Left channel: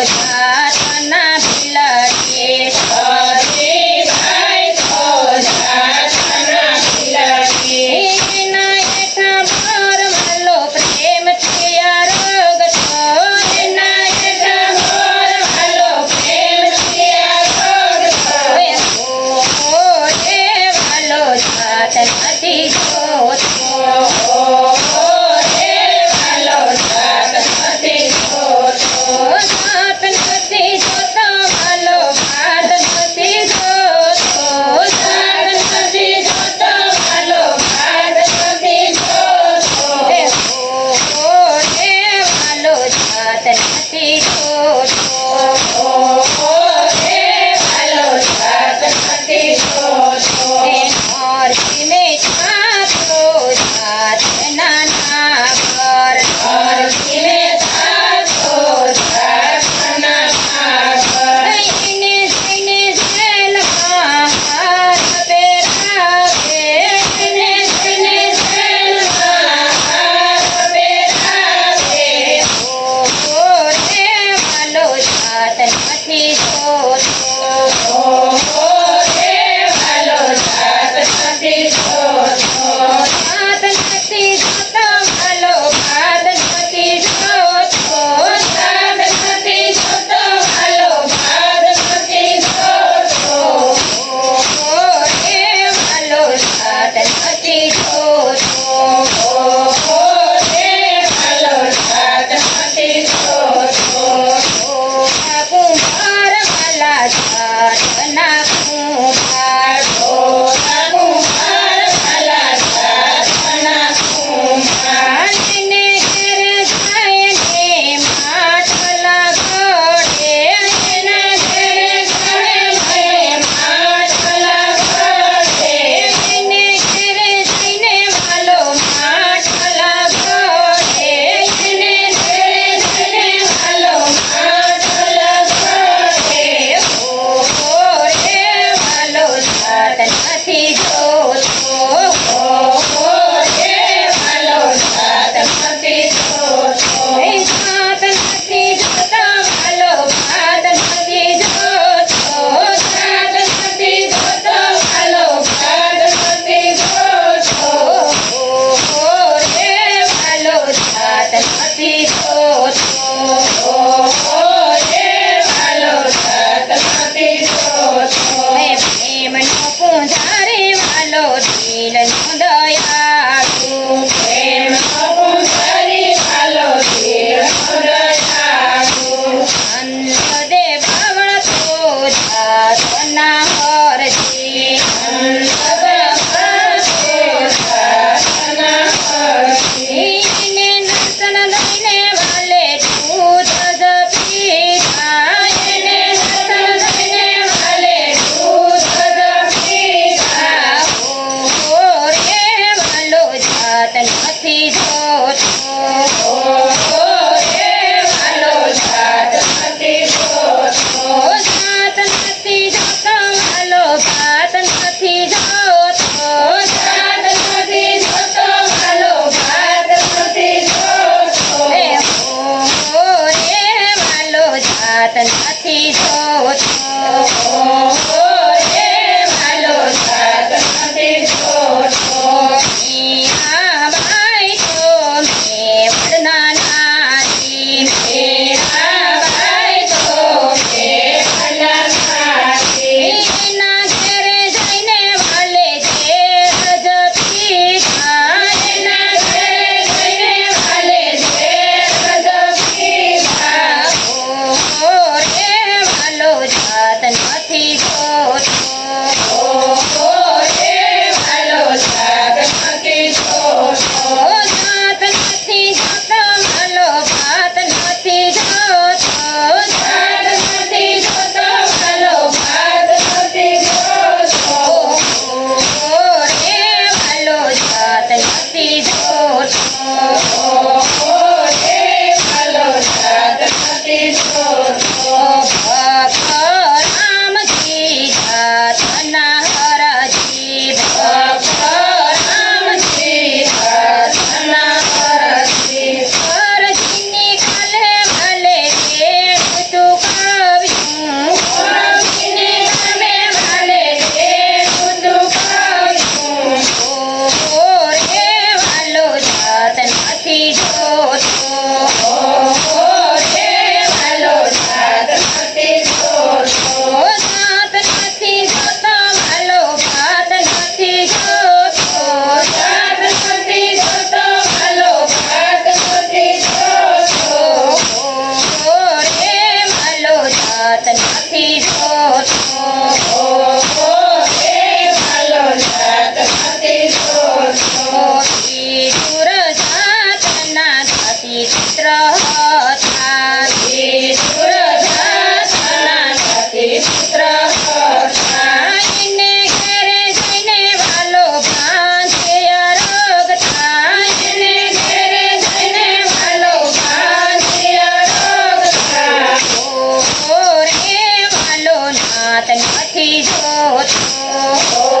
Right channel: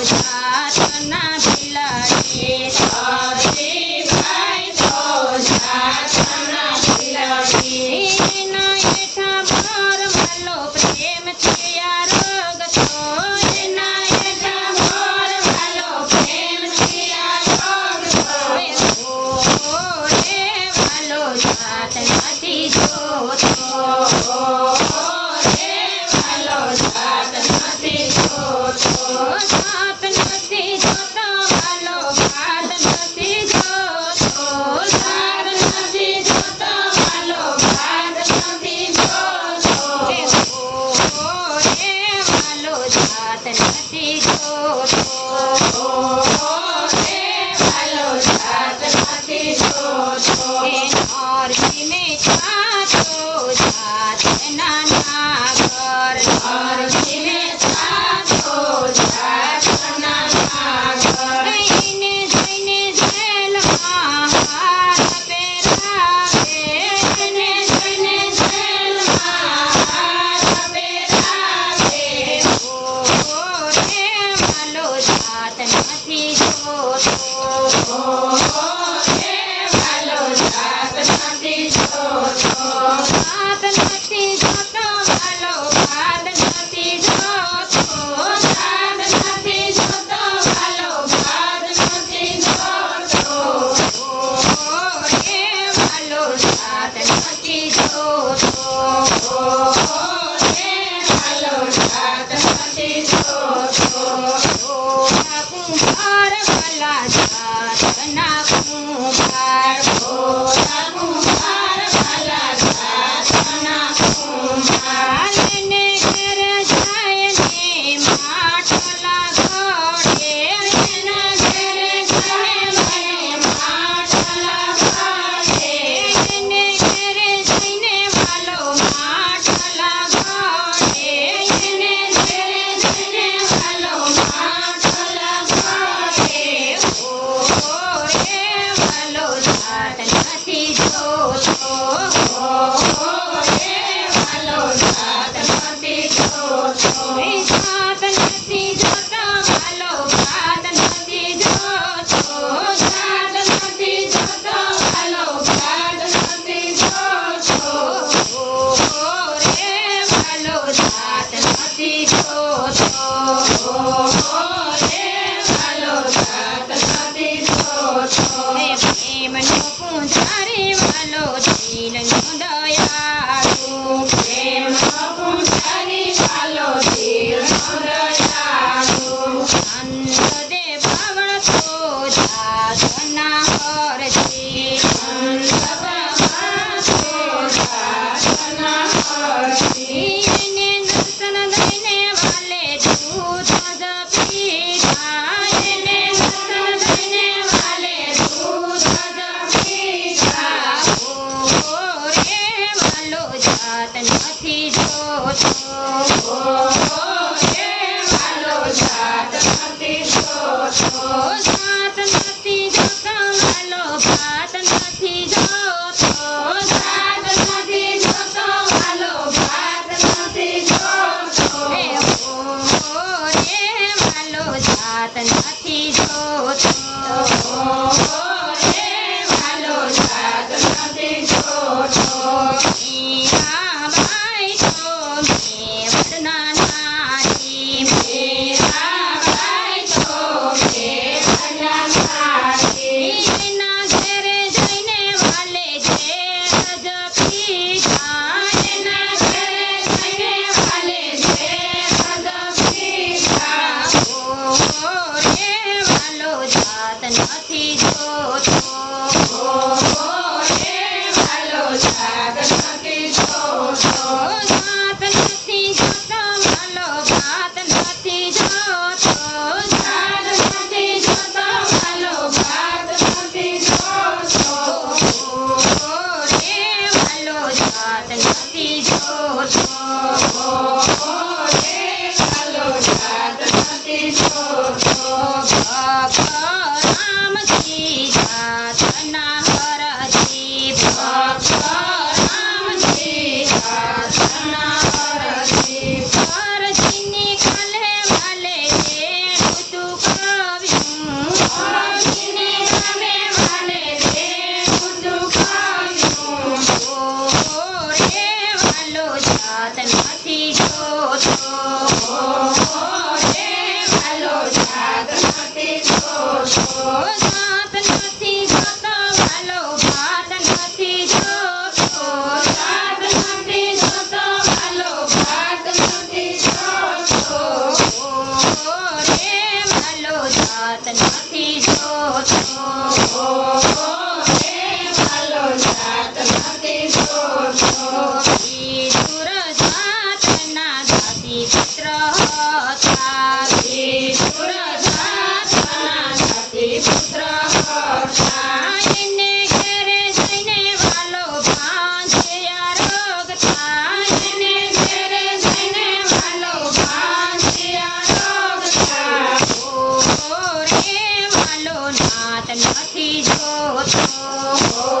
જાતના ભીલડી સતીભાઈ તો જાતના ભીલડી એના હેઠા મોરવાલો પ્રેમથી અરગતો એના હેઠા મોરવાલો પ્રેમથી અરગતો રે વાલો જાત નથી જોતો જાત નથી જોતો વાલો ભાત નથી જોતો જાત નથી જોતો વાલો ભાત નથી જોતો રે વાલો જાત નથી જોતો વાલો જાત નથી જોતો નરસિંહ છાતો જાત નાના ઘર નરસિંહ છાતો જાતના ઘર જઈને જઈને જેલમાં હાથ પહેરાવે જઈને જઈને જેલમાં હાથ પહેરાવે રે વાલો જાત નથી જોતો વાલો જાત નથી જોતો જાત નથી જોતો વાલો ભાત નથી જોતો જાત નથી જોતો વાલો ભાત નથી જોતો રે વાલો જાત નથી જોતો વાલો જાત નથી જોતો કુંભાર વાલા જાતના કુંભાર કુંભાર વાલા જાતના કુંભાર ને ઘેર જઈને માટલા ઘોડે એના ઘરે જઈને માટલા ઘોડે એને ઘેર જઈને વાલો માટલા ઘોડે એને ઘરે જઈને વાલો માટલા ઘોડે રે વાલો જાત નથી જોતો વાલો જાત નથી જોતો જાત નથી જોતો વાલો ભાત નથી જોતો જાત નથી જોતો વાલો ભાત નથી જોતો રે વાલો જાત નથી જોતો વાલો જાત નથી જોતો પ્રેમનો પૂંજારી વાલો દિલનો દયાળુ પ્રેમનો પૂંજારી વાલો ધીરનો દયાળુ અંતદે બાવળતો જાતના હરજી એને નર્તન દઈને વાલે દૂધ જ પીતા એને નર્તન દઈને વાલે રે વાલો જાત નથી જોતો જાત નથી જોતો વાલો ભાત નથી જોતો રે વાલો જાત નથી જોતો મીરાબાઈ તો મેવડના નારી એના ઘેરે જઈને વાલે ઘેર જ પીતા રે વાલો જાત નથી જોતો જાત નથી જોતો વાલો ભાત નથી જોતો રે વાલો જાત નથી જોતો રામજી જાતના હરજી હરજીની કાલે વાલે કે તું જાત નથી જોતો